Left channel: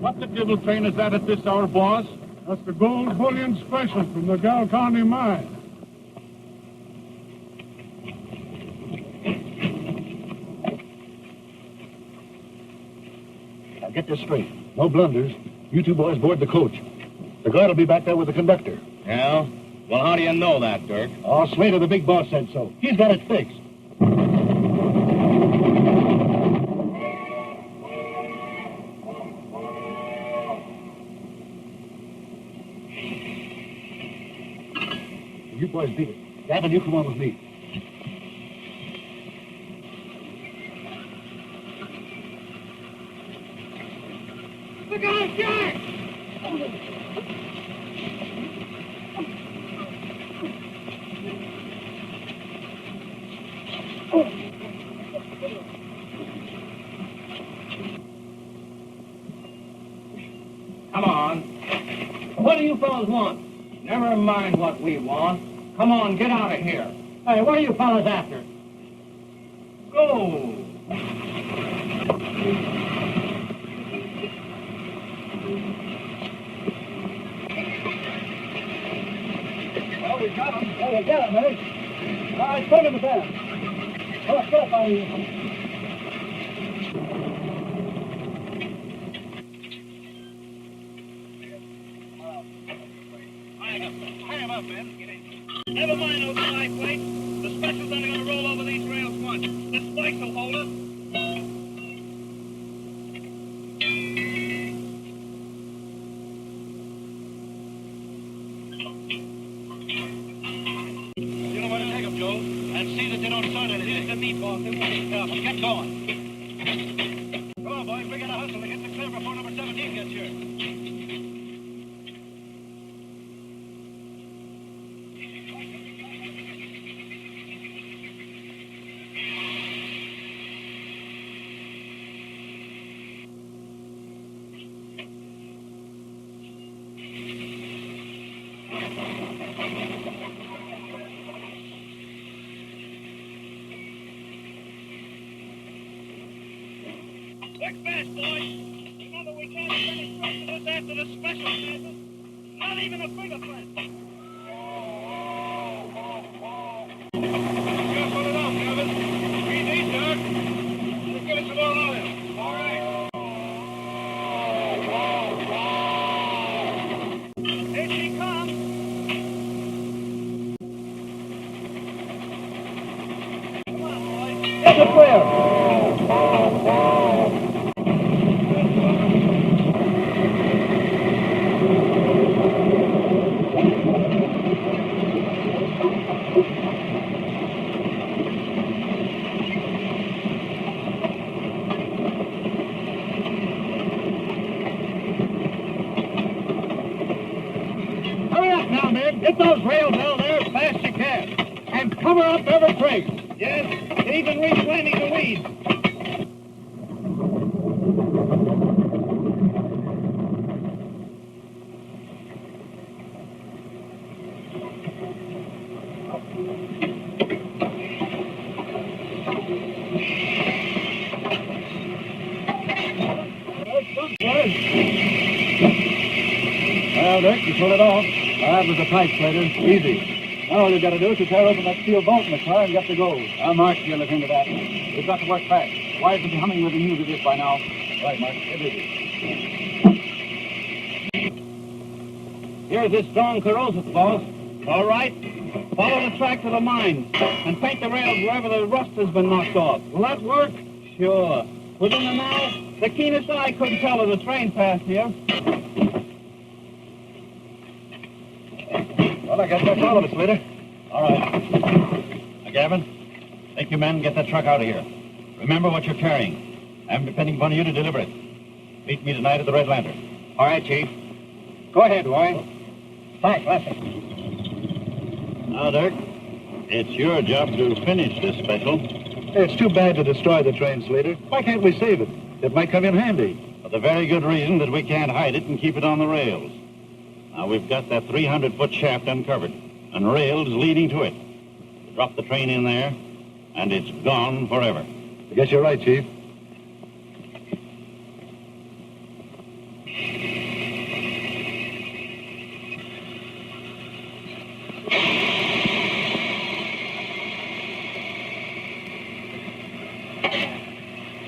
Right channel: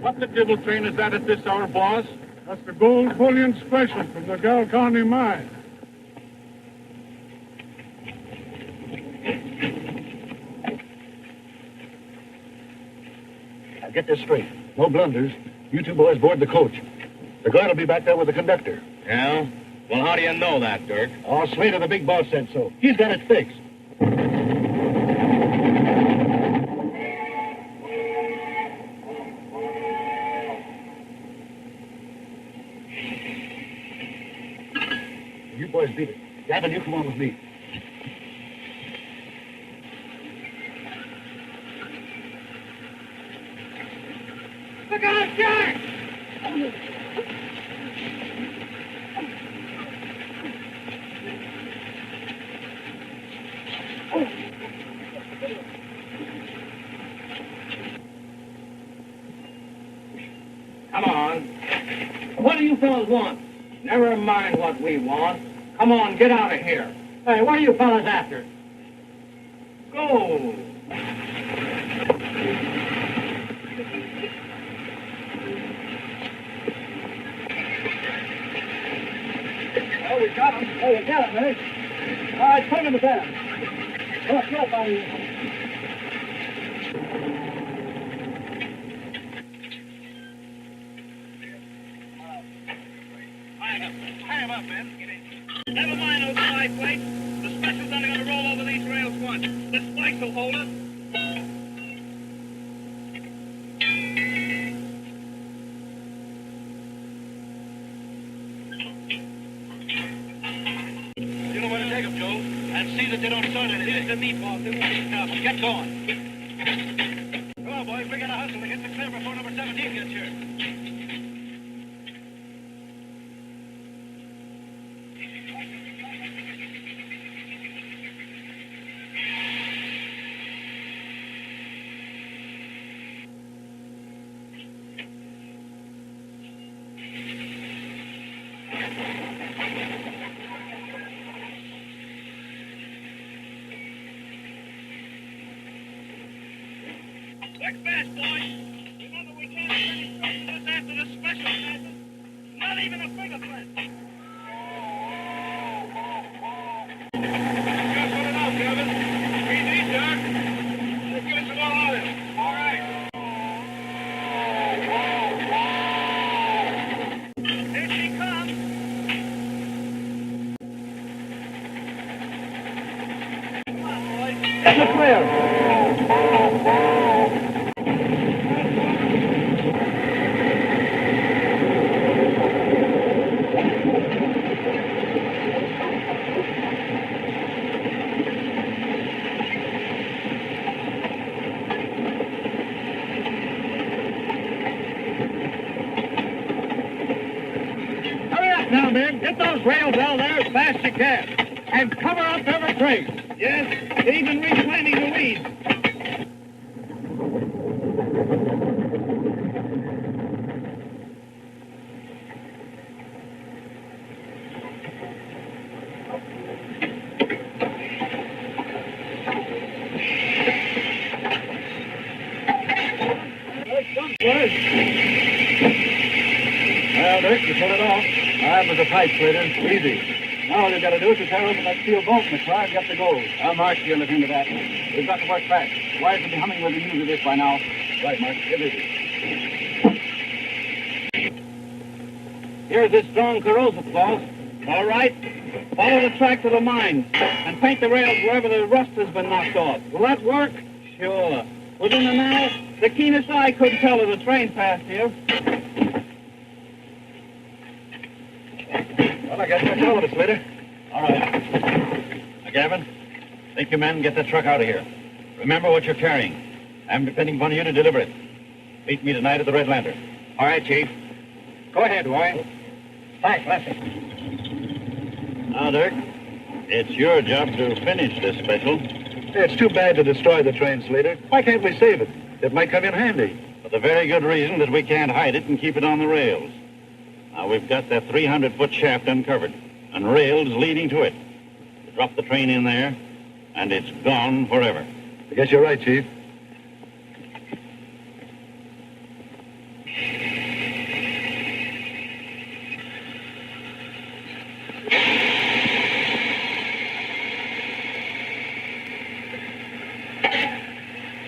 What the devil train is that at this hour, boss? That's the gold bullion special from the Gal County mine. Now get this straight. No blunders. You two boys board the coach. The guard will be back there with the conductor. Yeah? Well, how do you know that, Dirk? Oh, Slater, the big boss, said so. He's got it fixed. You boys beat it. Gavin, you come on with me. Look out, Jack! Come on. What do you fellas want? Never mind what we want. Come on, get out of here. Hey, what are you fellas after? Go. Well, we got him. Hey, you got him, eh? All right, put him in the van. Well, let's get up out of here. Hang him up, man. Never mind those side plates. The special's only going to roll over these rails once. The spikes will hold us. You know where to take them, Joe. And see that they don't start it. Here's the meat boss. They won't be careful. Get going. Come on, boys. We got to hustle to get the clear before number 17 gets here. Quick fast, boys. Remember, we can't finish this after the special passes. Not even a fingerprint. Just put it out, Kevin. Easy, Dirk. Just give us some more oil. All right. Here she comes. Come on, boys. Get the clear. Now, men, get those rails out there as fast as you can. And cover up every trace. Yes, even replanting the weeds. Well, Dick, you pulled it off. That was a tight, Slater. Easy. Now all you've got to do is to tear open that steel bolt in the car and get the gold. Mark, you'll look into that. We've got to work fast. The wires will be humming with the news of this by now. Right, Mark. Get busy. Here's this strong corrosive, boss. All right. Follow the track to the mine and paint the rails wherever the rust has been knocked off. Will that work? Sure. Within an hour, the keenest eye couldn't tell if the train passed here. Well, I guess that's all of it, Slater. All right. Now, Gavin, take your men and get that truck out of here. Remember what you're carrying. I'm depending upon you to deliver it. Meet me tonight at the Red Lantern. All right, Chief. Go ahead, Roy. Thanks, Lefty. Now, Dirk, it's your job to finish this special. It's too bad to destroy the train, Slater. Why can't we save it? It might come in handy. For the very good reason that we can't hide it and keep it on the rails. Now, we've got that 300-foot shaft uncovered and rails leading to it. Drop the train in there, and it's gone forever. I guess you're right, Chief.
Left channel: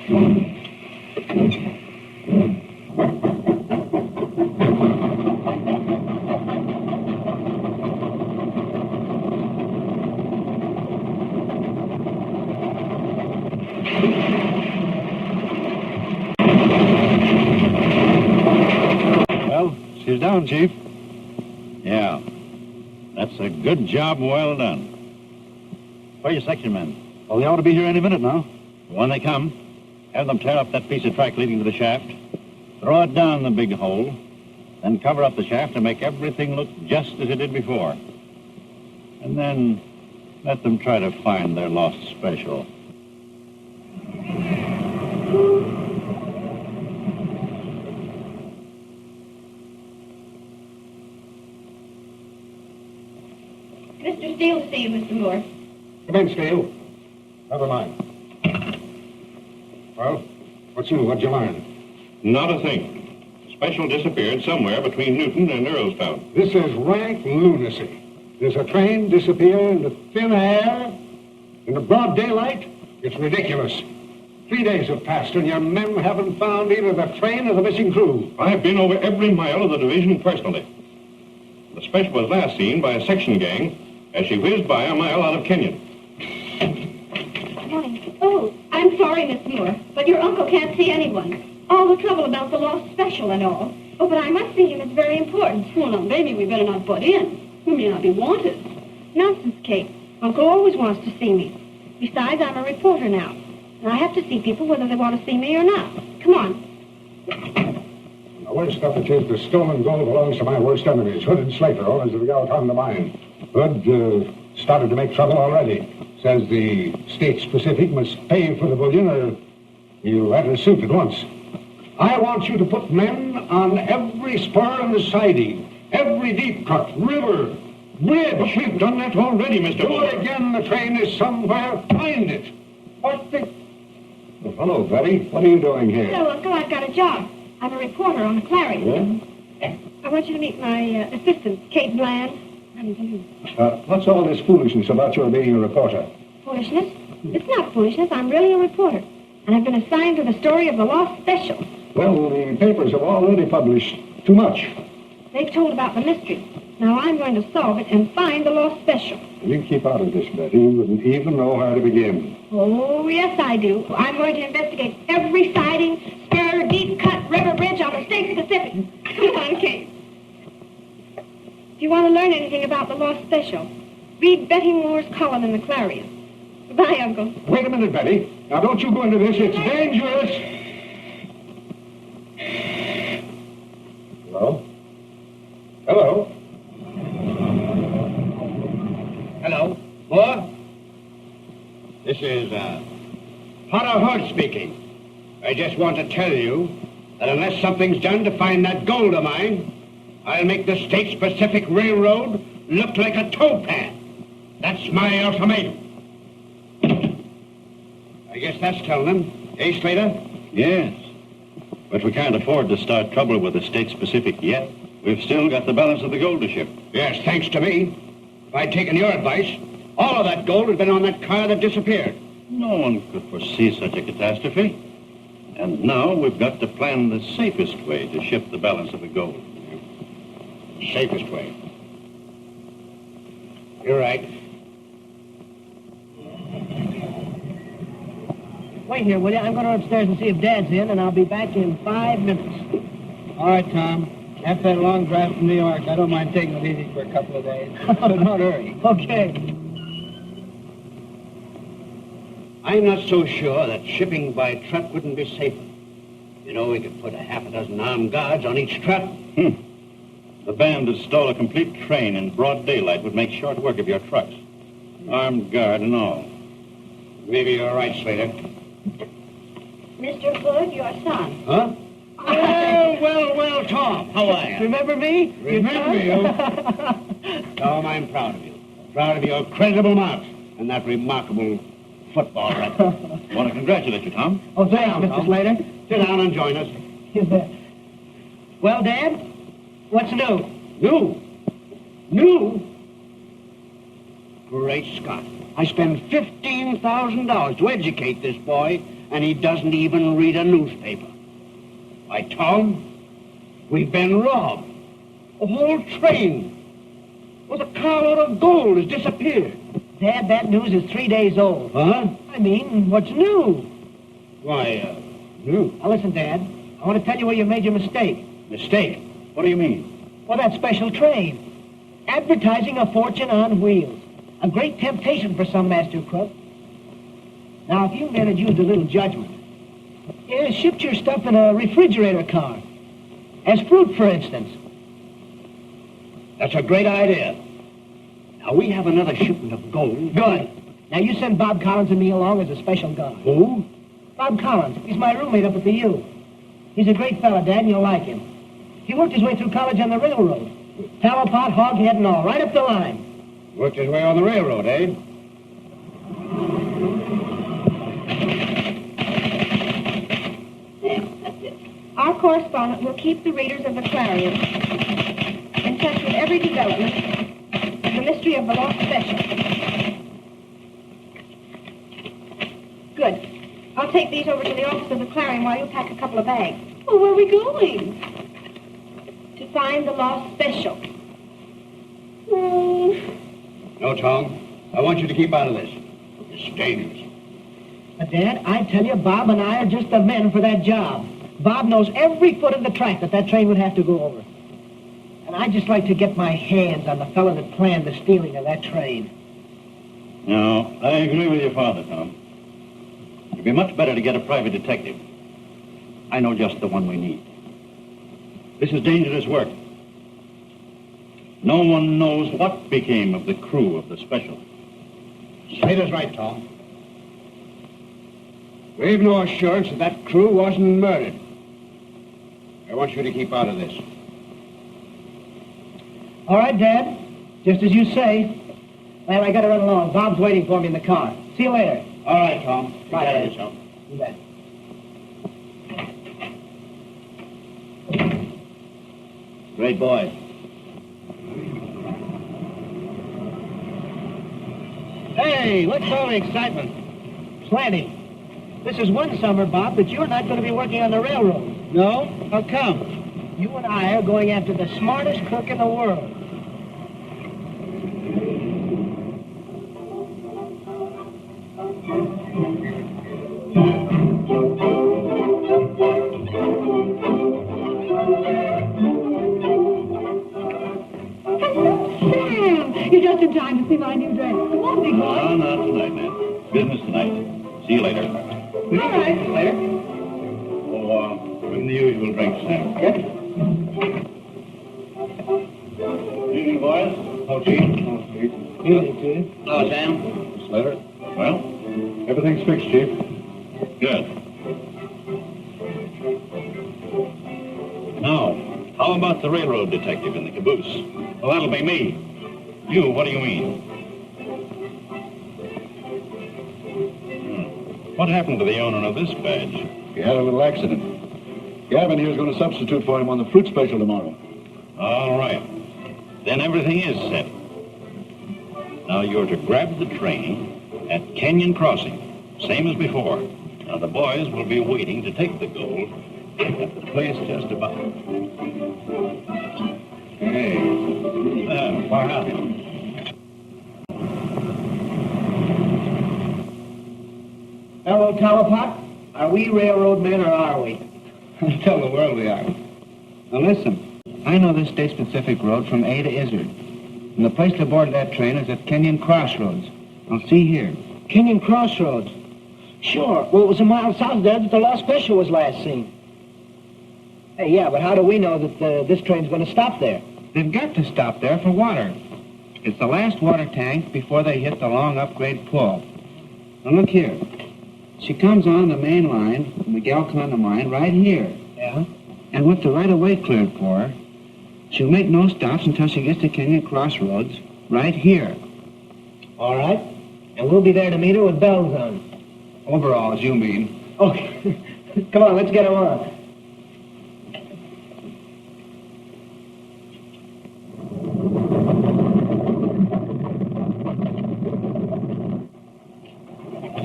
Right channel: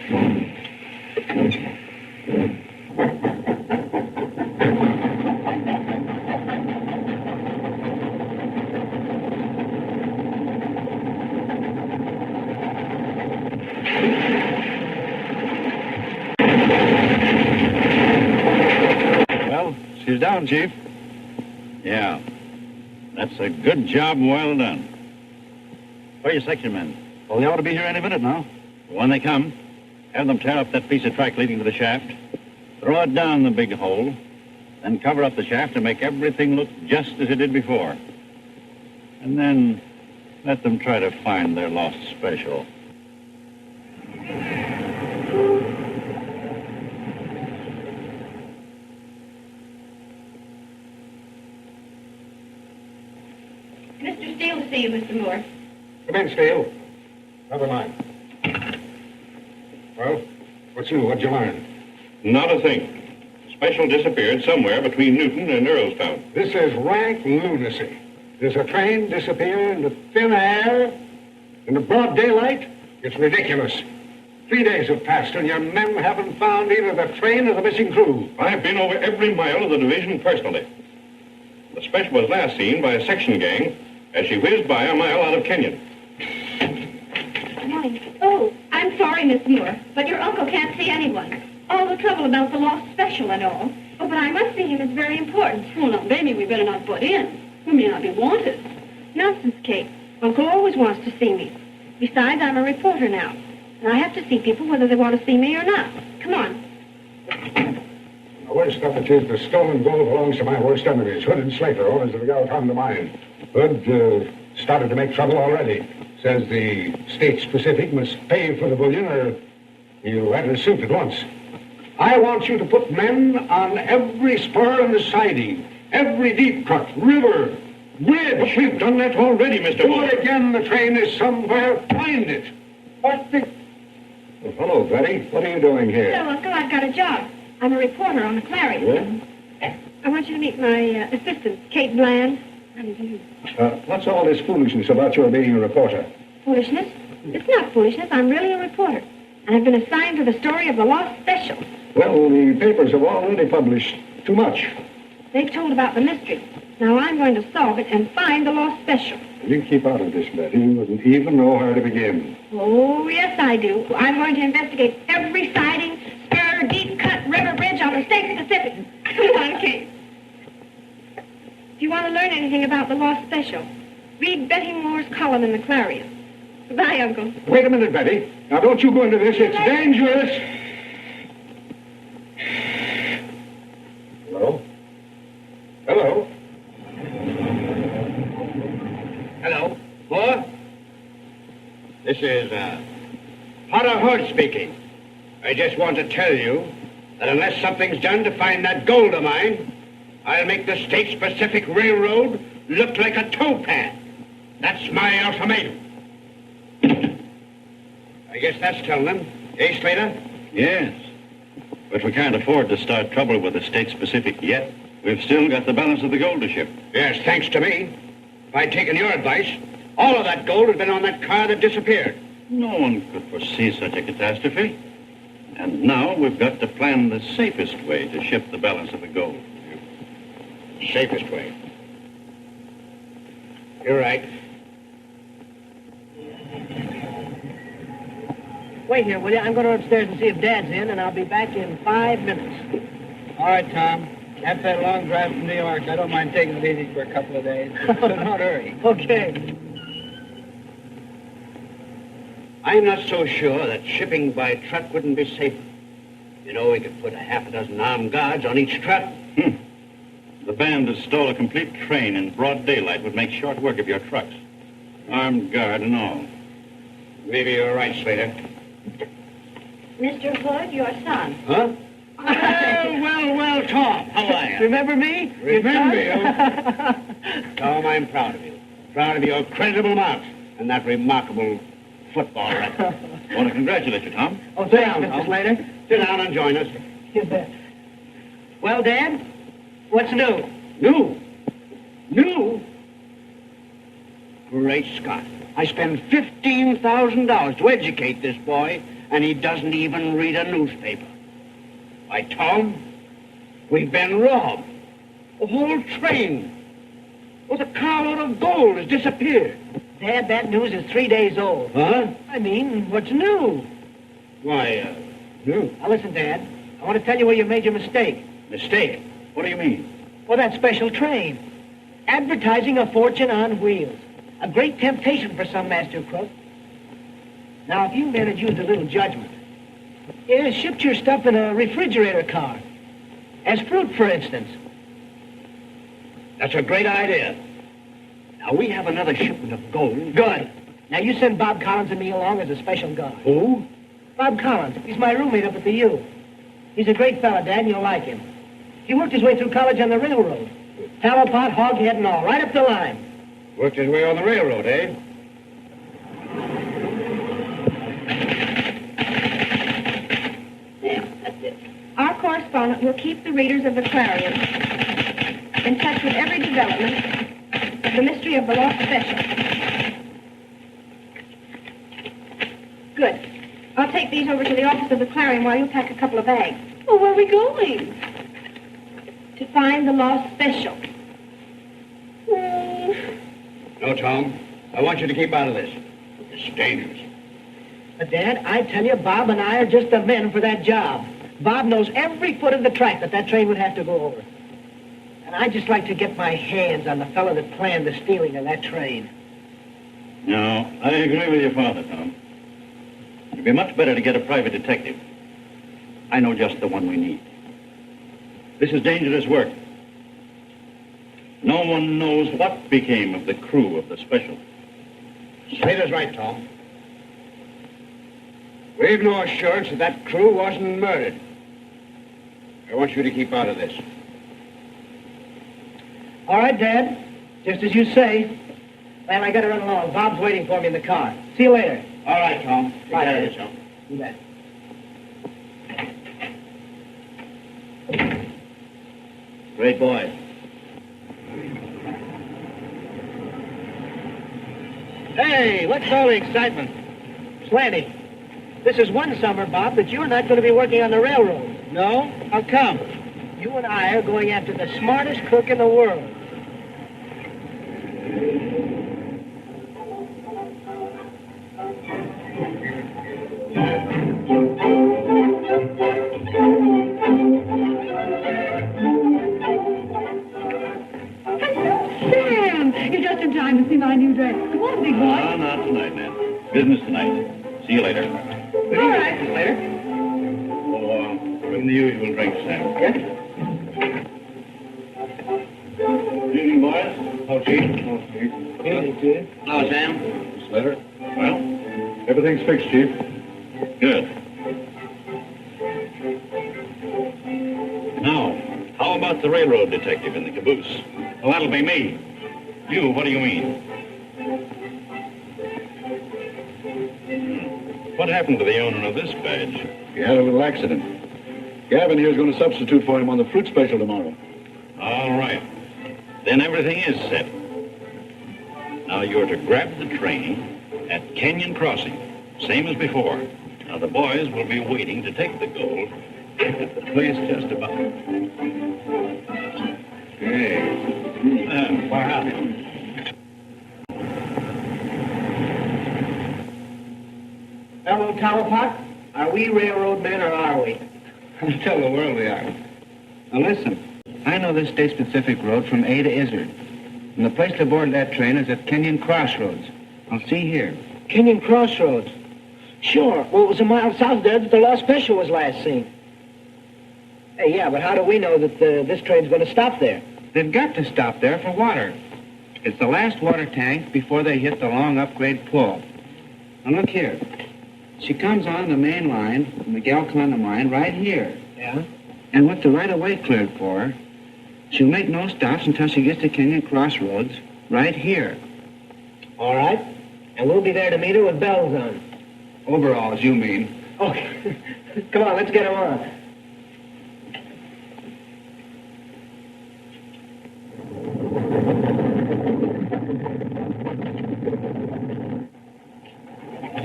Well, she's down, Chief. Yeah. That's a good job, well done. Where are your section men? Well, they ought to be here any minute now. When they come, have them tear up that piece of track leading to the shaft, throw it down the big hole, then cover up the shaft and make everything look just as it did before. And then let them try to find their lost special. Mr. Steele to see you, Mr. Moore. Come in, Steele. Never mind. Well, what's new? What'd you learn? Not a thing. Special disappeared somewhere between Newton and Earlstown. This is rank lunacy. Does a train disappear into thin air in the broad daylight? It's ridiculous. 3 days have passed, and your men haven't found either the train or the missing crew. I've been over every mile of the division personally. The special was last seen by a section gang as she whizzed by a mile out of Kenyon. Good morning. Oh, I'm sorry, Miss Moore, but your uncle can't see anyone. All the trouble about the lost special and all. Oh, but I must see him. It's very important. Well, now, baby, we better not butt in. We may not be wanted. Nonsense, Kate. Uncle always wants to see me. Besides, I'm a reporter now, and I have to see people whether they want to see me or not. Come on. The worst of it is the stolen gold belongs to my worst enemies, Hood and Slater, owners of the Galcon mine. Hood started to make trouble already. Says the States Pacific must pay for the bullion or he'll enter suit at once. I want you to put men on every spur in the siding, every deep cut, river, bridge. But we've done that already, Mr. Do Moore. it again. The train is somewhere. Find it. What the... Oh, hello, Betty. What are you doing here? Hello, Uncle. I've got a job. I'm a reporter on the Clarion. Yeah? I want you to meet my assistant, Kate Bland. What's all this foolishness about your being a reporter? Foolishness? It's not foolishness. I'm really a reporter. And I've been assigned to the story of the lost special. Well, the papers have already published too much. They've told about the mystery. Now I'm going to solve it and find the lost special. You keep out of this, Betty. You wouldn't even know where to begin. Oh, yes, I do. I'm going to investigate every siding, spur, deep cut, river bridge on the States Pacific. Come on, Kate. If you want to learn anything about the lost special, read Betty Moore's column in the Clarion. Goodbye, Uncle. Wait a minute, Betty. Now, don't you go into this. It's dangerous. Hello? Hello? Hello. Moore? This is, Potter Hood speaking. I just want to tell you that unless something's done to find that gold of mine, I'll make the States Pacific Railroad look like a towpath. That's my ultimatum. I guess that's telling them. Eh, Slater? Yes. But we can't afford to start trouble with the States Pacific yet. We've still got the balance of the gold to ship. Yes, thanks to me. If I'd taken your advice, all of that gold had been on that car that disappeared. No one could foresee such a catastrophe. And now we've got to plan the safest way to ship the balance of the gold. Safest way. You're right. Wait here, will you? I'm going to upstairs and see if Dad's in, and I'll be back in 5 minutes. All right, Tom. After that long drive from New York, I don't mind taking it easy for a couple of days. But not hurry. Okay. I'm not so sure that shipping by truck wouldn't be safer. You know, we could put a half a dozen armed guards on each truck. The band that stole a complete train in broad daylight would make short work of your trucks. Armed guard and all. Maybe you're right, Slater. Mr. Hood, your son. Huh? Well, Tom. How are you? Remember me? Remember you? Tom, I'm proud of you. Proud of your creditable marks and that remarkable football record. I want to congratulate you, Tom. Oh, thanks, Mr. Slater. Sit down and join us. You bet. Well, Dad, what's new? New? New? Great Scott. I spent $15,000 to educate this boy, and he doesn't even read a newspaper. Why, Tom, we've been robbed. A whole train with a carload of gold has disappeared. Dad, that news is 3 days old. Huh? I mean, what's new? Why, new? Now, listen, Dad. I want to tell you where you made your mistake. Mistake? What do you mean? Well, that special train. Advertising a fortune on wheels. A great temptation for some master crook. Now, if you men had used a little judgment, shipped your stuff in a refrigerator car. As fruit, for instance. That's a great idea. Now, we have another shipment of gold. Good. Now, you send Bob Collins and me along as a special guard. Who? Bob Collins. He's my roommate up at the U. He's a great fella, Dad, and you'll like him. He worked his way through college on the railroad. Tallow pot, hoghead, and all, right up the line. Worked his way on the railroad, eh? Our correspondent will keep the readers of the Clarion in touch with every development of the mystery of the lost special. Good. I'll take these over to the office of the Clarion while you pack a couple of bags. Oh, where are we going? To find the lost special. No, Tom. I want you to keep out of this. It's dangerous. But, Dad, I tell you, Bob and I are just the men for that job. Bob knows every foot of the track that train would have to go over. And I'd just like to get my hands on the fellow that planned the stealing of that train. No, I agree with your father, Tom. It'd be much better to get a private detective. I know just the one we need. This is dangerous work. No one knows what became of the crew of the special. Slater's right, Tom. We've no assurance that crew wasn't murdered. I want you to keep out of this. All right, Dad. Just as you say. Well, I gotta run along. Bob's waiting for me in the car. See you later. All right, Tom. Take Bye, care of Dad. yourself. You bet. Great boy. Hey, what's all the excitement? Plenty. This is one summer, Bob, that you're not going to be working on the railroad. No? How come? You and I are going after the smartest crook in the world. Sam, you're just in time to see my new dress. Come on, big boy. No, not tonight, man. Business tonight. See you later. All right. Later. Oh, bring the usual drinks, Sam. Yes? Good evening, boys. Oh, Chief. Oh, Chief. Evening, Chief. Hello, Sam. Slater. Well, Everything's fixed, Chief. good. Now, how about the railroad detective in the caboose? Well, that'll be me. You, what do you mean? What happened to the owner of this badge? He had a little accident. Gavin here's going to substitute for him on the fruit special tomorrow. All right. Then everything is set. Now you're to grab the train at Canyon Crossing, same as before. Now the boys will be waiting to take the gold at the place just about. Hey. Wow. Hello, Talapot. Are we railroad men or are we? Tell the world we are. Now listen, I know this States Pacific Road from A to Izzard. And the place to board that train is at Kenyon Crossroads. Now see here. Kenyon Crossroads. Sure. Well, it was a mile south there that the lost special was last seen. Hey, yeah, but how do we know that this train's going to stop there? They've got to stop there for water. It's the last water tank before they hit the long upgrade pull. Now look here. She comes on the main line from the Galconda mine right here. Yeah? And with the right-of-way cleared for her, she'll make no stops until she gets to Kenyon Crossroads right here. All right. And we'll be there to meet her with bells on. Overalls, you mean. Okay. Come on, let's get her on.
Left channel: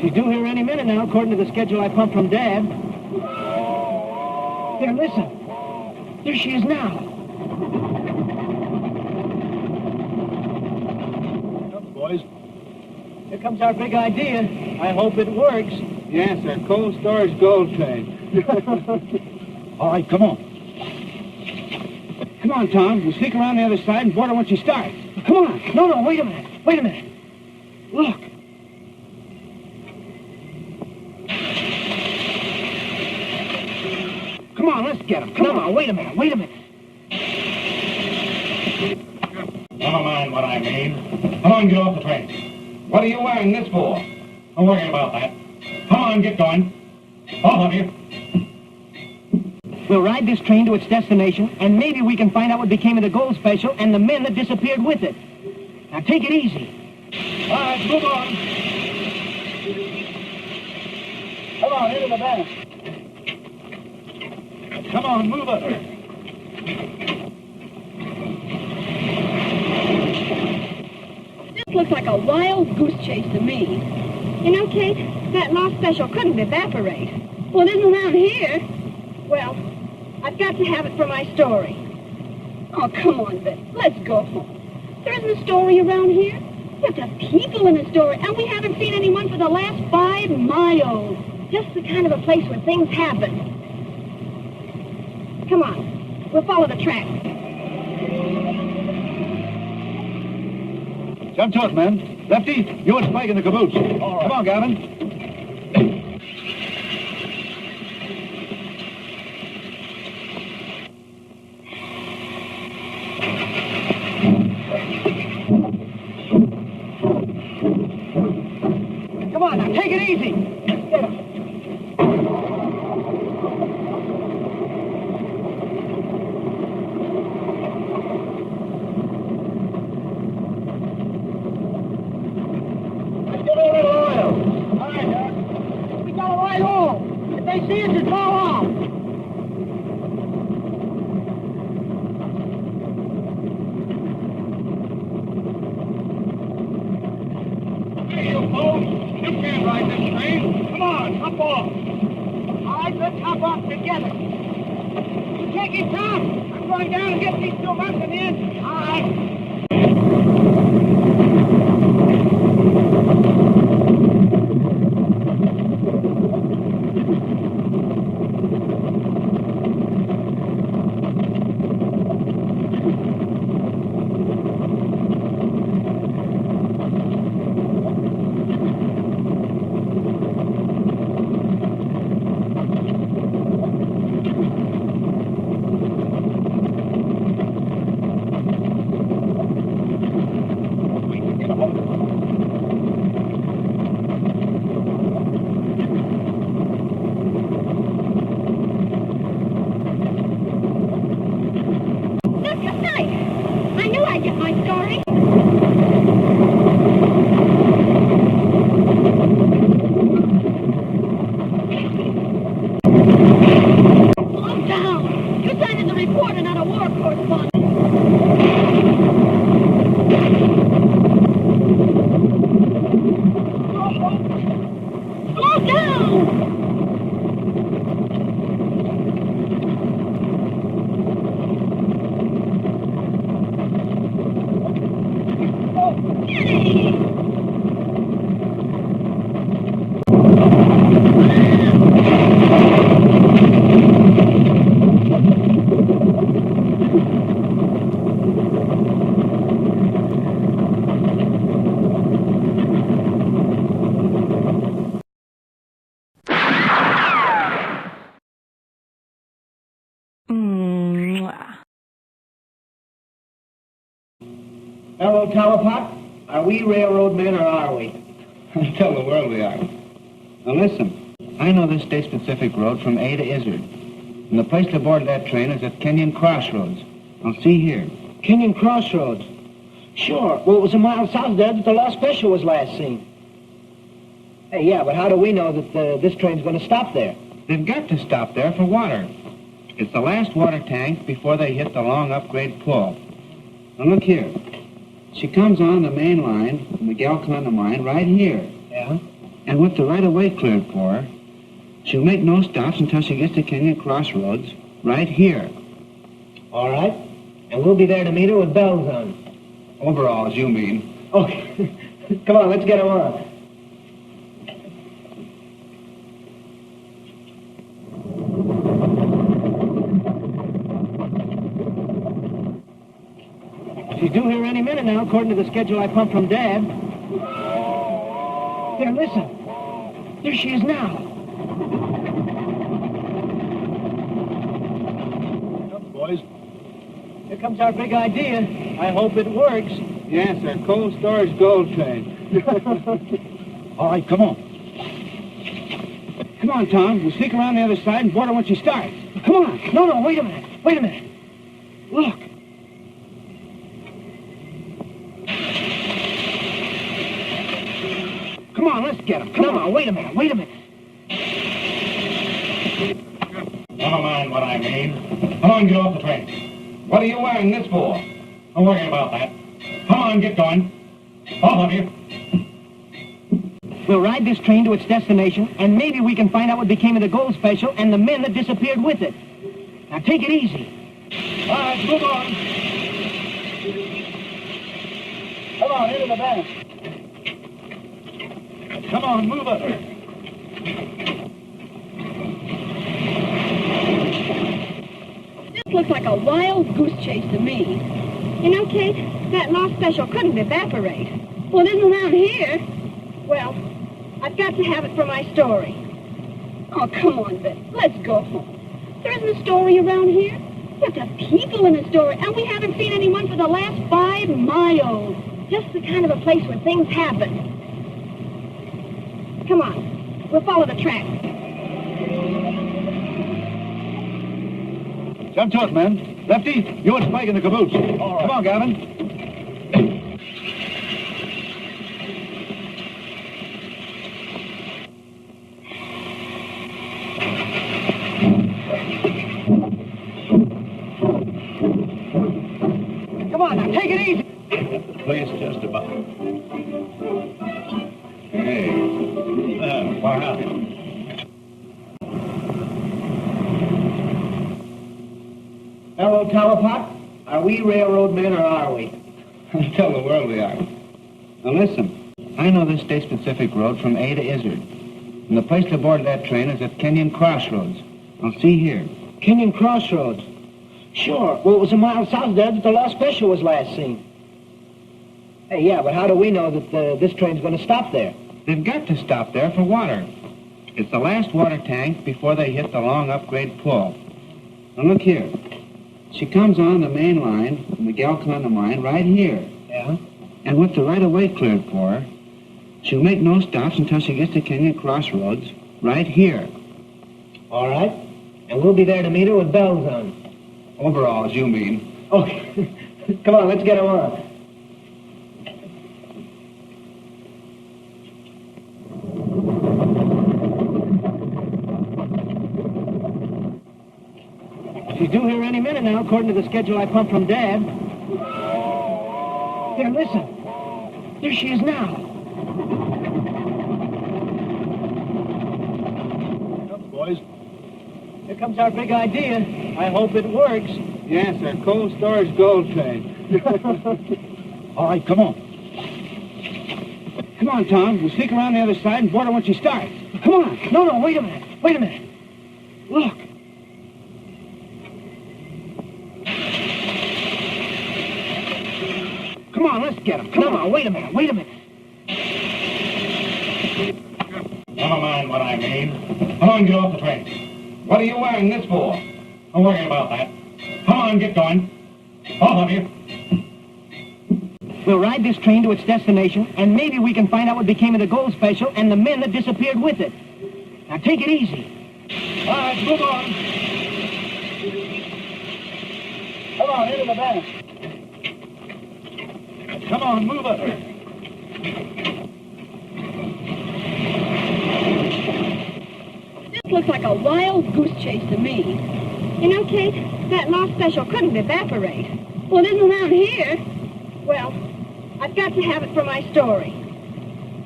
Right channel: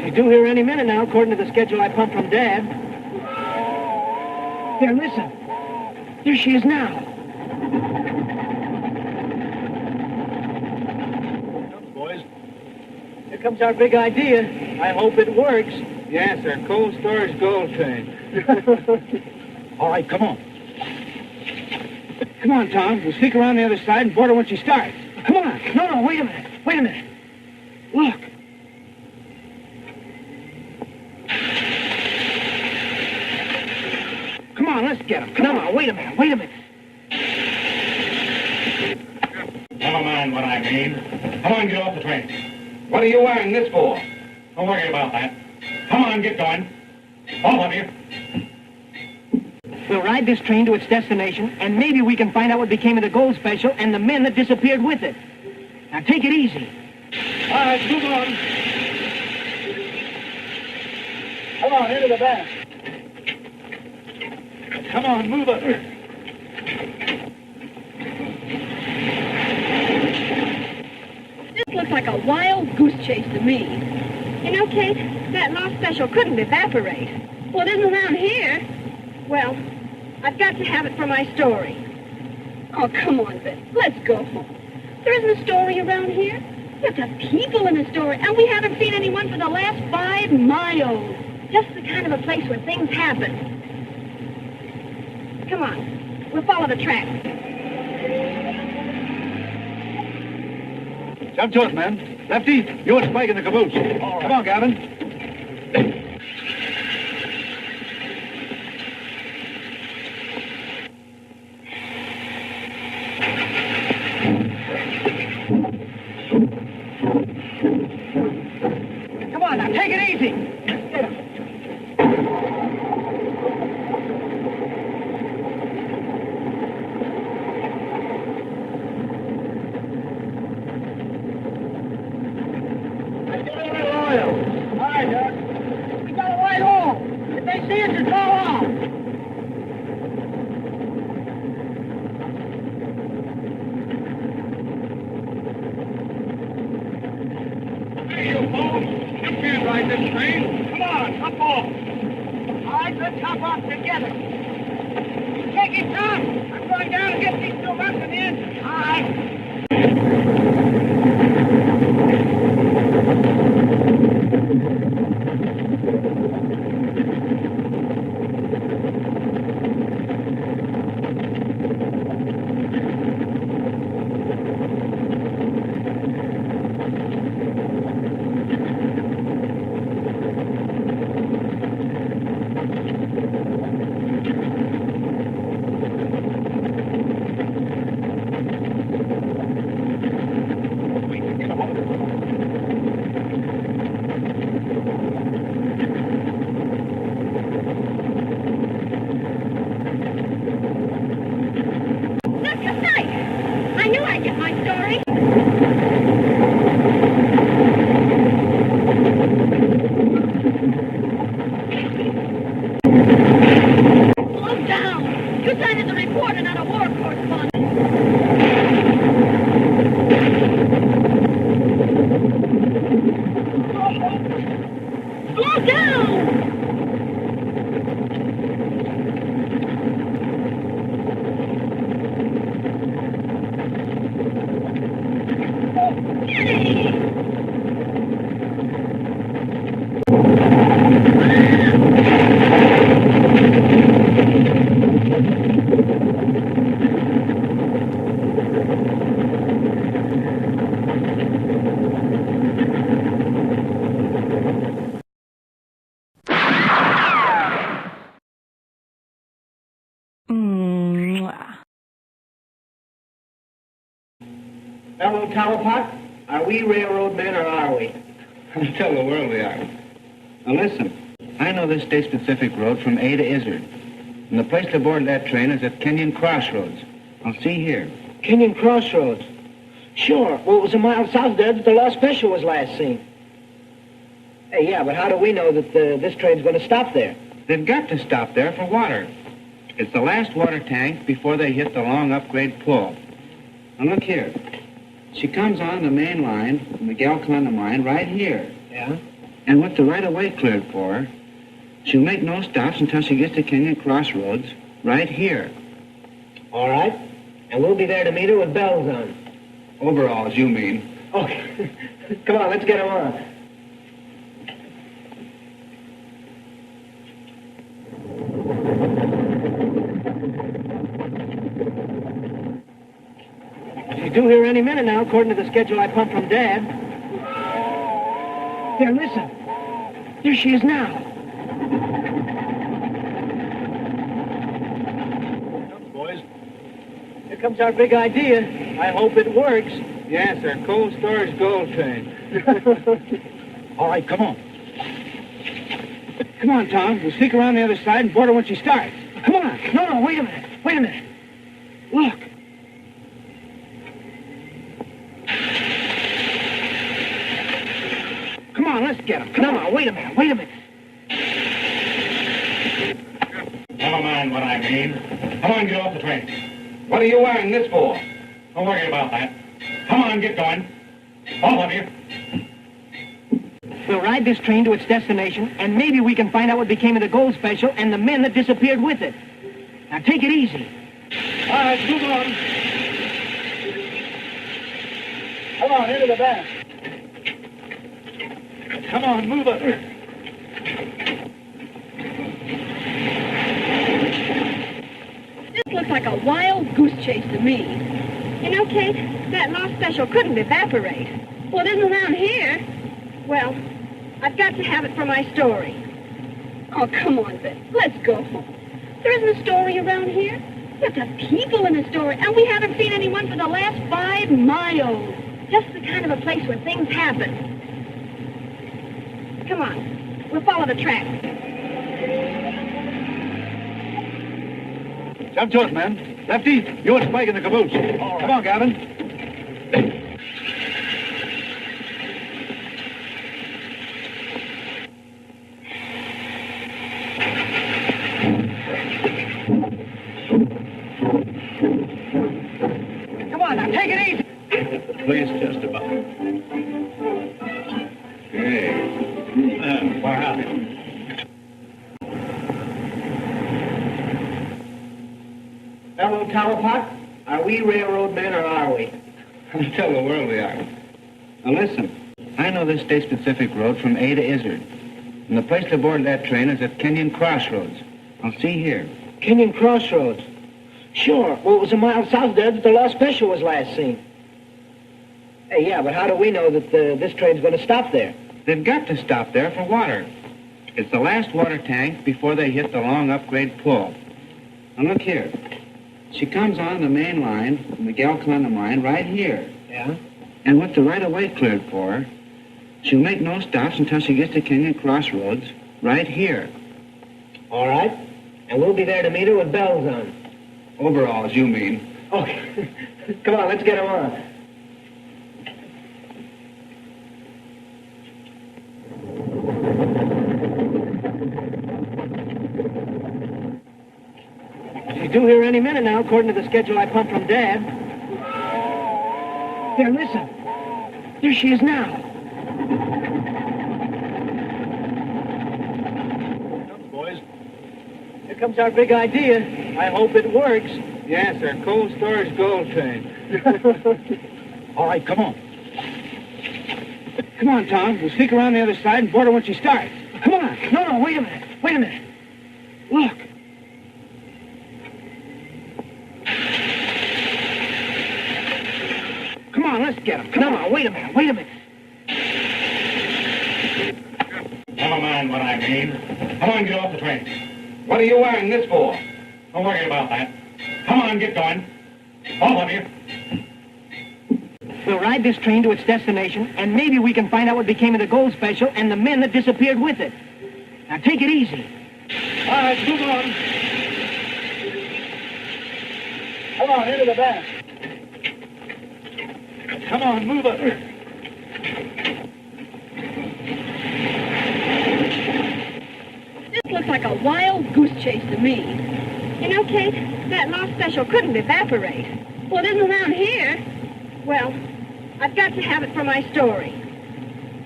She's due here any minute now, according to the schedule I pumped from Dad. Here, listen. There she is now. Come, boys. Here comes our big idea. I hope it works. Yes, our cold storage gold train. All right, come on. Come on, Tom. We'll sneak around the other side and board her when she starts. Come on. No, wait a minute. Wait a minute. Look. Come on, let's get him. Come on. Wait a minute. Never mind what I mean. Come on, get off the train. What are you wearing this for? Don't worry about that. Come on, get going. All of you. We'll ride this train to its destination, and maybe we can find out what became of the gold special and the men that disappeared with it. Now, take it easy. All right, move on. Come on, into the back. Come on, move up. This looks like a wild goose chase to me. You know, Kate, that lost special couldn't evaporate. Well, it isn't around here. Well, I've got to have it for my story. Oh, come on, Beth. Let's go home. There isn't a story around here. But the people in the story, and we haven't seen anyone for the last 5 miles. Just the kind of a place where things happen. Come on. We'll follow the track. Jump to it, man. Lefty, you and Spike in the caboose. All right. Come on, Gavin. Come on, now, take it easy. Get him. See it, just fall off. Hey, you folks! You can't ride this train. Come on, hop off. All right, let's hop off together. You take it, Tom. I'm going down and get these 2 months in the engine. All right. Hello, Talapot. Are we railroad men or are we? Tell the world we are. Now listen, I know this States Pacific road from A to Izzard. And the place to board that train is at Kenyon Crossroads. Now see here. Kenyon Crossroads. Sure. Well, it was a mile south there that the Lost Special was last seen. Hey, yeah, but how do we know that this train's going to stop there? They've got to stop there for water. It's the last water tank before they hit the long upgrade pull. Now look here. She comes on the main line from the Galconda mine right here. Yeah? And with the right-of-way cleared for her, she'll make no stops until she gets to Kenyon Crossroads, right here. All right. And we'll be there to meet her with bells on. Overalls, you mean? Okay. Come on, let's get her on. She's due here any minute now, according to the schedule I pumped from Dad. There, listen. There she is now. Come, boys. Here comes our big idea. I hope it works. Yes, our cold storage gold train. All right, come on. Come on, Tom. We'll sneak around the other side and board her when she starts. Come on. No, wait a minute. Wait a minute. Look. Come on, let's get him. No, wait a minute. Wait a minute. Never mind what I mean. Come on, get off the train. What are you wearing this for? Don't worry about that. Come on, get going. All of you. We'll ride this train to its destination, and maybe we can find out what became of the gold special and the men that disappeared with it. Now, take it easy. All right, move on. Come on, into the back. Come on, move up. This looks like a wild goose chase to me. You know, Kate, that lost special couldn't evaporate. Well, it isn't around here. Well, I've got to have it for my story. Oh, come on, Vic. Let's go home. There isn't a story around here. But the people in the story, and we haven't seen anyone for the last 5 miles. Just the kind of a place where things happen. Come on. We'll follow the track. Jump to it, man. Lefty, you and Spike in the caboose. All right. Come on, Gavin. Come on, now, take it easy. The place just about. Hey. Wow. Hello, Towerpot. Are we railroad men or are we? Tell the world we are. Now listen, I know this state-specific road from A to Izzard. And the place to board that train is at Kenyon Crossroads. Now see here. Kenyon Crossroads. Sure. Well, it was a mile south there that the lost special was last seen. Hey, yeah, but how do we know that this train's going to stop there? They've got to stop there for water. It's the last water tank before they hit the long upgrade pull. Now look here. She comes on the main line from the Galcona mine right here. Yeah? And with the right-of-way cleared for her, she'll make no stops until she gets to Kenyon Crossroads right here. All right. And we'll be there to meet her with bells on. Overalls, you mean? Okay. Come on, let's get her on. She's due here any minute now, according to the schedule I pumped from Dad. There, listen. There she is now. Come, boys. Here comes our big idea. I hope it works. Yes, our cold storage gold train. All right, come on. Come on, Tom. We'll sneak around the other side and board her when she starts. Come on. No, wait a minute. Wait a minute. Look. Come on, let's get him. No, wait a minute. Wait a minute. Never mind what I mean. Come on, get off the train. What are you wearing this for? Don't worry about that. Come on, get going. All of you. We'll ride this train to its destination, and maybe we can find out what became of the gold special and the men that disappeared with it. Now, take it easy. All right, move on. Come on, into the back. Come on, move up. This looks like a wild goose chase to me. You know, Kate, that lost special couldn't evaporate. Well, it isn't around here. Well, I've got to have it for my story.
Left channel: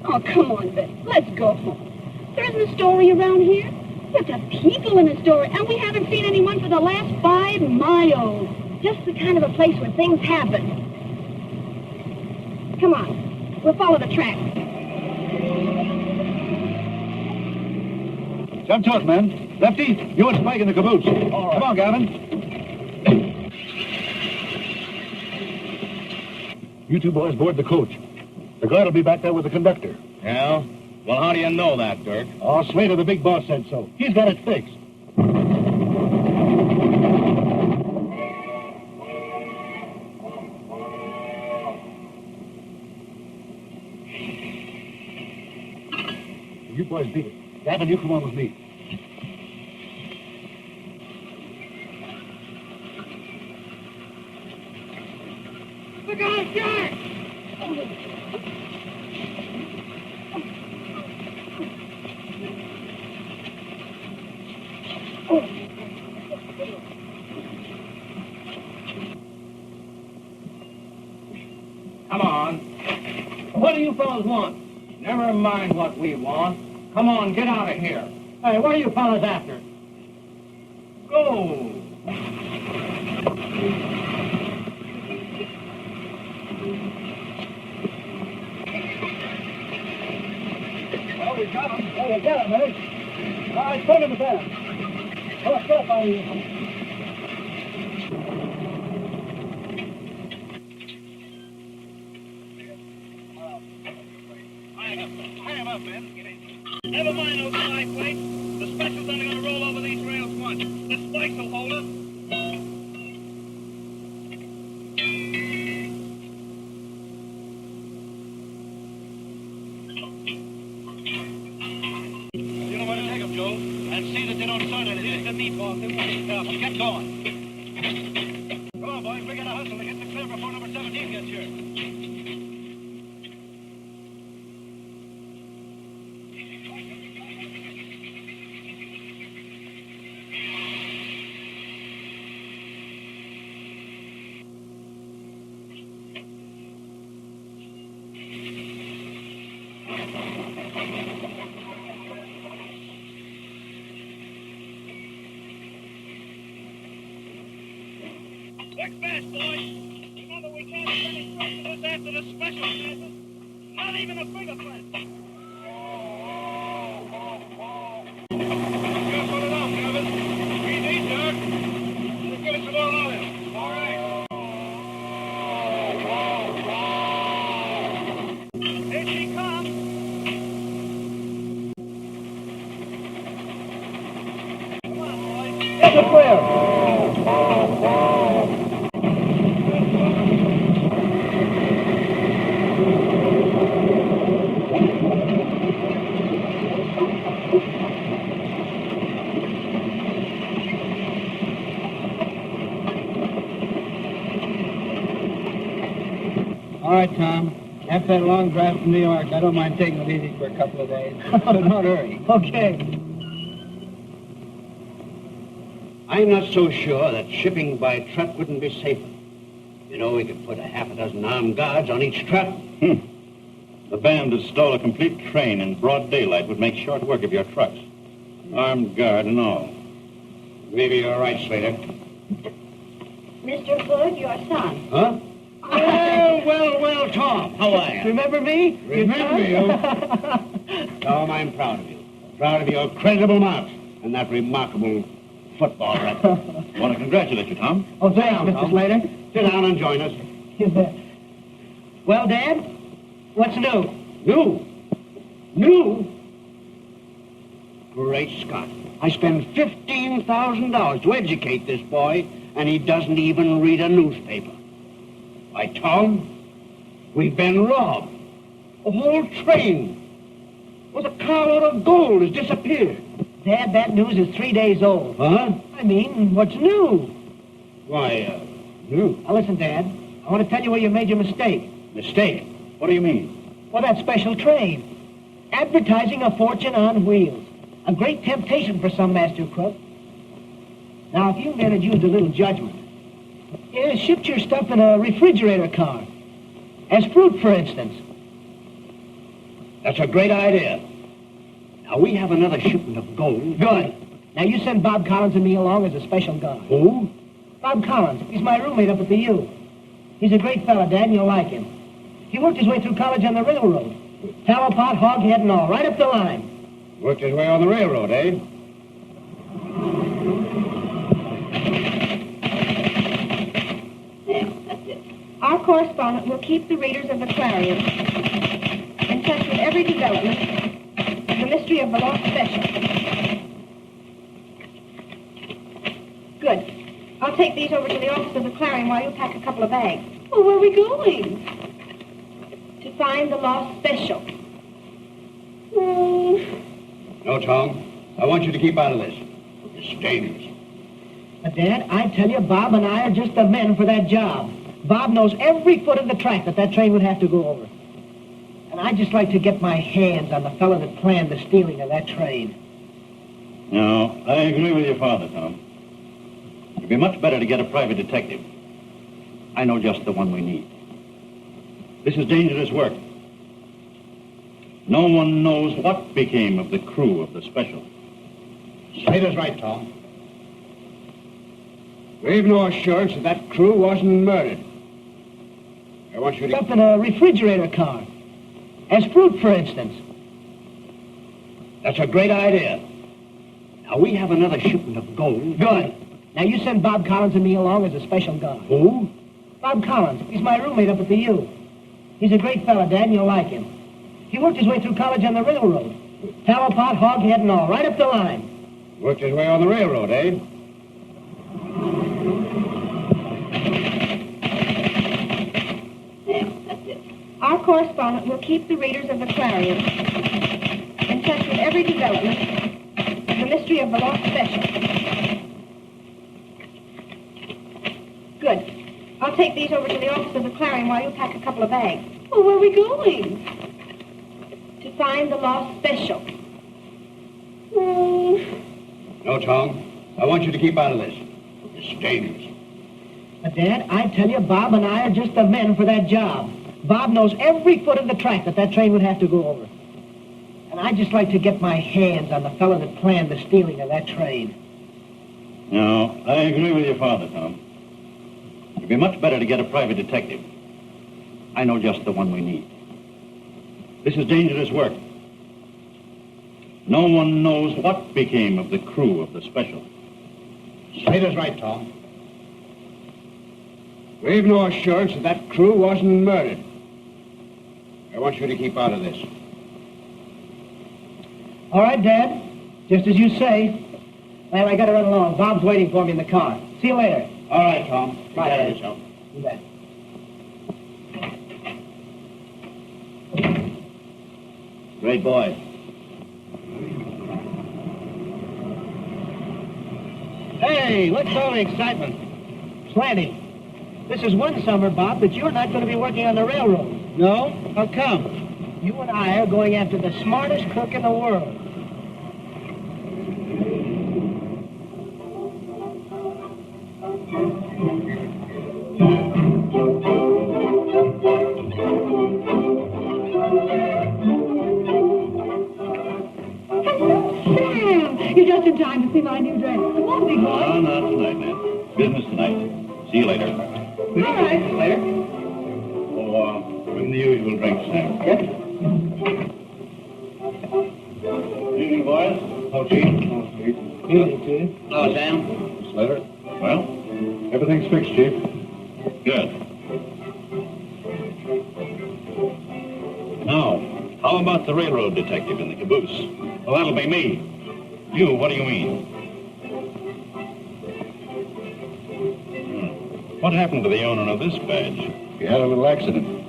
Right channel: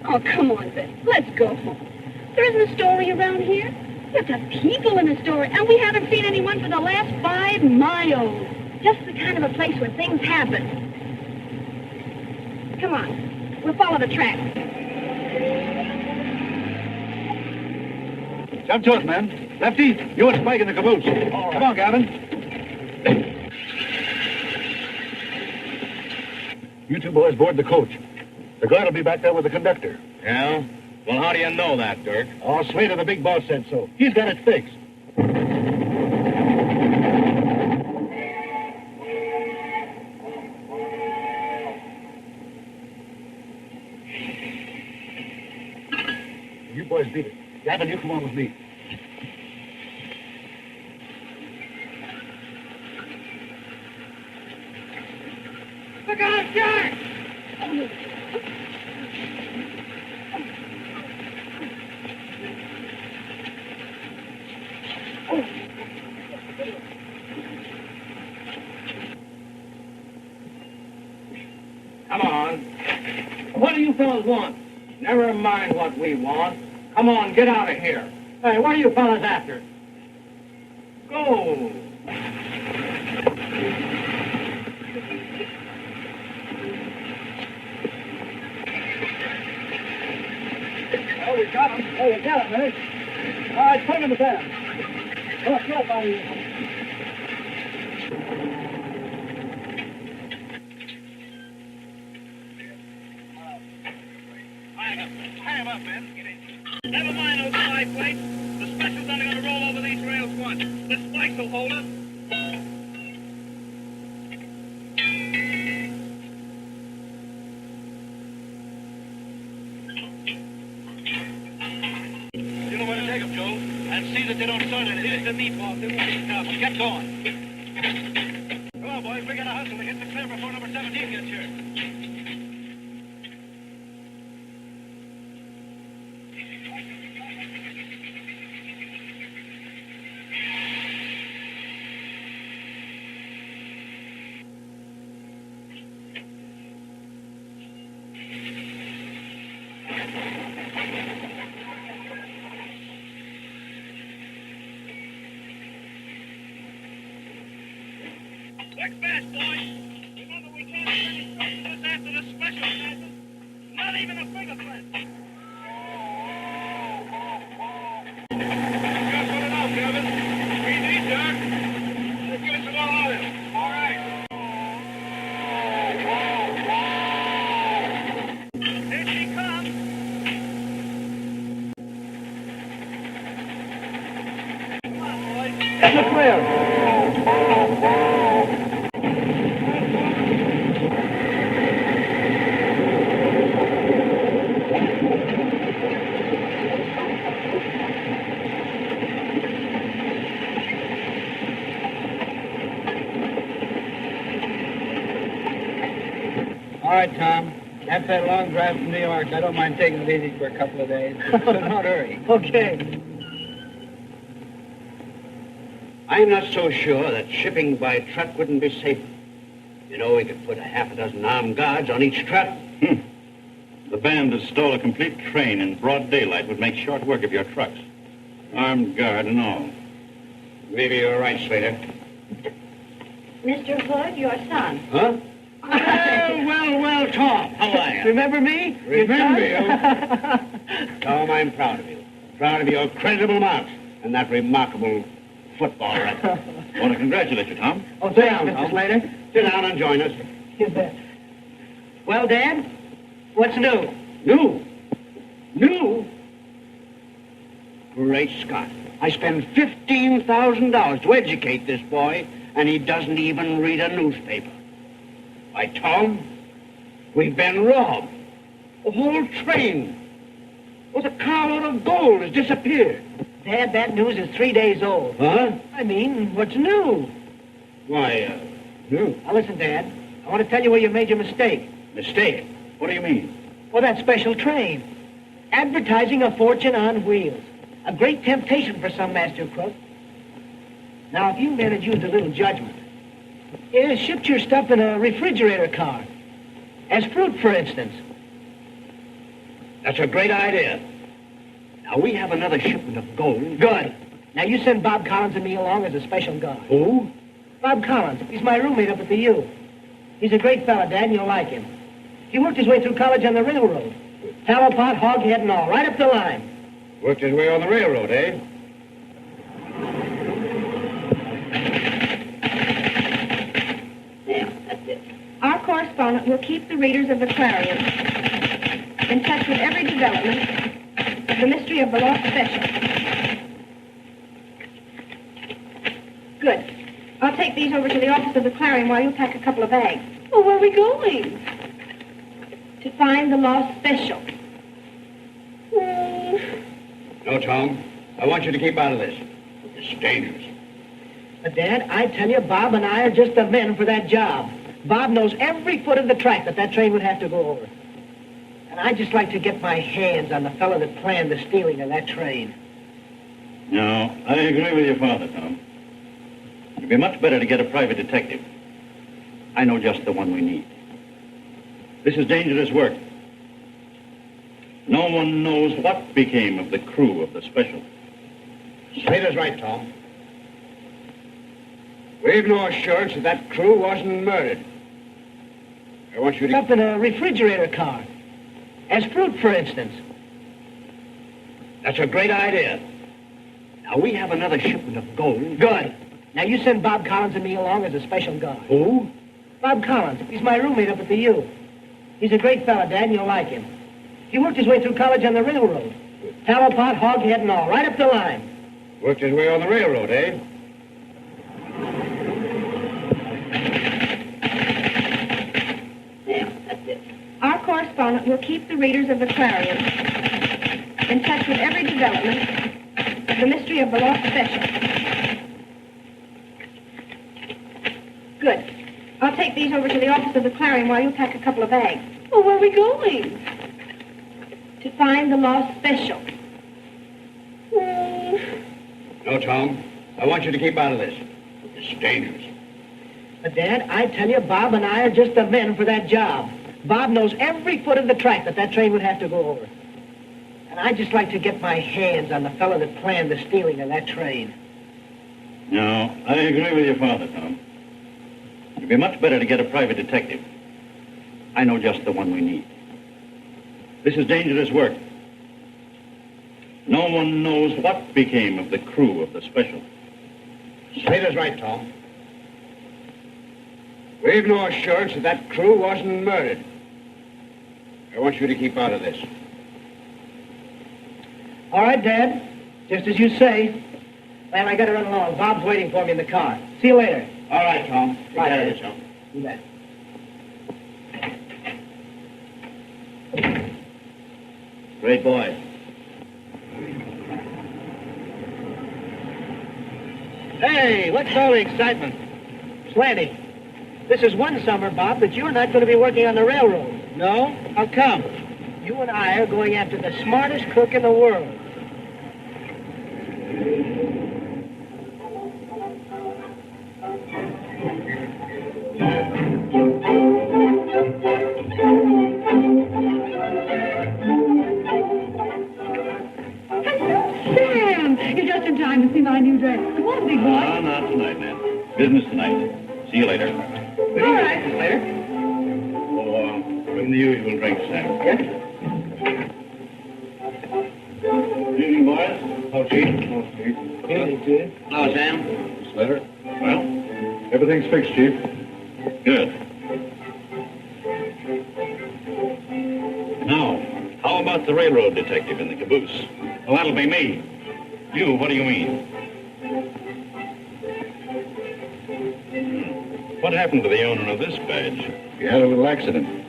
Oh, come on, Ben. Let's go home. There isn't a story around here. But the people in the story, and we haven't seen anyone for the last 5 miles. Just the kind of a place where things happen. Come on. We'll follow the track. Jump to it, man. Lefty, you and Spike in the caboose. Come on, Gavin. You two boys board the coach. The guard will be back there with the conductor. Yeah? Well, how do you know that, Dirk? Oh, Slater, the big boss, said so. He's got it fixed. You boys beat it. Gavin, you come on with me. Look out, Jack! Come on. What do you fellas want? Never mind what we want. Come on, get out of here. Hey, what are you fellas after? Go. Well, we got him. Oh, we got him, eh? All right, put him in the van. Oh, get up out of here. Hang him up, man. Never mind those side plates. The special's only going to roll over these rails once. The spikes will hold us. You know where to take them, Joe. And see that they don't start anything. Here's the meatballs. They won't be careful. Get going. Come on, boys. We got to hustle to get the clear before number 17 gets here. Work fast, boys. Remember, we can't send instructions after the special passes. Not even a fingerprint. Just put it out, Kevin. Easy, Dirk. Let's give it some more oil. All right. Here she comes. Come on, boys. Get the clear. All right, Tom. After that long drive from New York, I don't mind taking it easy for a couple of days. So don't hurry. Okay. I'm not so sure that shipping by truck wouldn't be safer. You know, we could put a half a dozen armed guards on each truck. The band that stole a complete train in broad daylight would make short work of your trucks. Armed guard and all. Maybe you're right, Slater. Mr. Hood, your son. Huh? Well, Tom. How are you? Remember me? Remember you? Tom, I'm proud of you. Proud of your credible marks and that remarkable football record. Want to congratulate you, Tom. Oh, Sit thanks, down, Mr. Tom. Slater. Sit down and join us. You bet. Well, Dad, what's new? New? Great Scott. I spend $15,000 to educate this boy, and he doesn't even read a newspaper. Why, Tom, we've been robbed. A whole train with a carload of gold has disappeared. Dad, that news is 3 days old. Huh? I mean, what's new? Why, new? Now, listen, Dad. I want to tell you where you made your mistake. Mistake? What do you mean? Well, that special train. Advertising a fortune on wheels. A great temptation for some master crook. Now, if you men had used a little judgment, shipped your stuff in a refrigerator car. As fruit, for instance. That's a great idea. Now, we have another shipment of gold. Good. Now, you send Bob Collins and me along as a special guard. Who? Bob Collins. He's my roommate up at the U. He's a great fella, Dad, and you'll like him. He worked his way through college on the railroad. Tallow pot, hoghead, and all, right up the line. Worked his way on the railroad, eh? Our correspondent will keep the readers of the Clarion in touch with every development of the mystery of the lost special. Good. I'll take these over to the office of the Clarion while you pack a couple of bags. Oh, where are we going? To find the lost special. No, Tom. I want you to keep out of this. It's dangerous. But, Dad, I tell you, Bob and I are just the men for that job. Bob knows every foot of the track that train would have to go over. And I'd just like to get my hands on the fellow that planned the stealing of that train. No, I agree with your father, Tom. It'd be much better to get a private detective. I know just the one we need. This is dangerous work. No one knows what became of the crew of the special. Slater's right, Tom. We've no assurance that crew wasn't murdered. I want you to... Up in a refrigerator car. As fruit, for instance. That's a great idea. Now, we have another shipment of gold. Good. Now, you send Bob Collins and me along as a special guard. Who? Bob Collins. He's my roommate up at the U. He's a great fella, Dad, and you'll like him. He worked his way through college on the railroad. Tallow pot, hoghead, and all, right up the line. Worked his way on the railroad, eh? Our correspondent will keep the readers of the Clarion in touch with every development of the mystery of the lost special. Good. I'll take these over to the office of the Clarion while you pack a couple of bags. Oh, where are we going? To find the lost special. No, Tom. I want you to keep out of this. It's dangerous. But, Dad, I tell you, Bob and I are just the men for that job. Bob knows every foot of the track that train would have to go over. And I'd just like to get my hands on the fellow that planned the stealing of that train. No, I agree with your father, Tom. It'd be much better to get a private detective. I know just the one we need. This is dangerous work. No one knows what became of the crew of the special. Slater's right, Tom. We've no assurance that crew wasn't murdered. I want you to keep out of this. All right, Dad. Just as you say. Well, I gotta run along. Bob's waiting for me in the car. See you later. All right, Tom. Take Bye, care of Dad. yourself. You bet. Great boy. Hey, what's all the excitement? Plenty. This is one summer, Bob, that you're not going to be working on the railroad. No? How come? You and I are going after the smartest crook in the world. Sam, you're just in time to see my new dress. Come on, big boy. No, not tonight, man. Business tonight. See you later. All right. Later. Oh, bring the usual drinks, Sam. Yes. Evening, boys. Oh, Chief. Oh, Chief. Evening, Chief. Hello, Sam. Slater. Well, Everything's fixed, Chief. good. Now, how about the railroad detective in the caboose? Well, that'll be me. You, what do you mean? What happened to the owner of this badge? He had a little accident.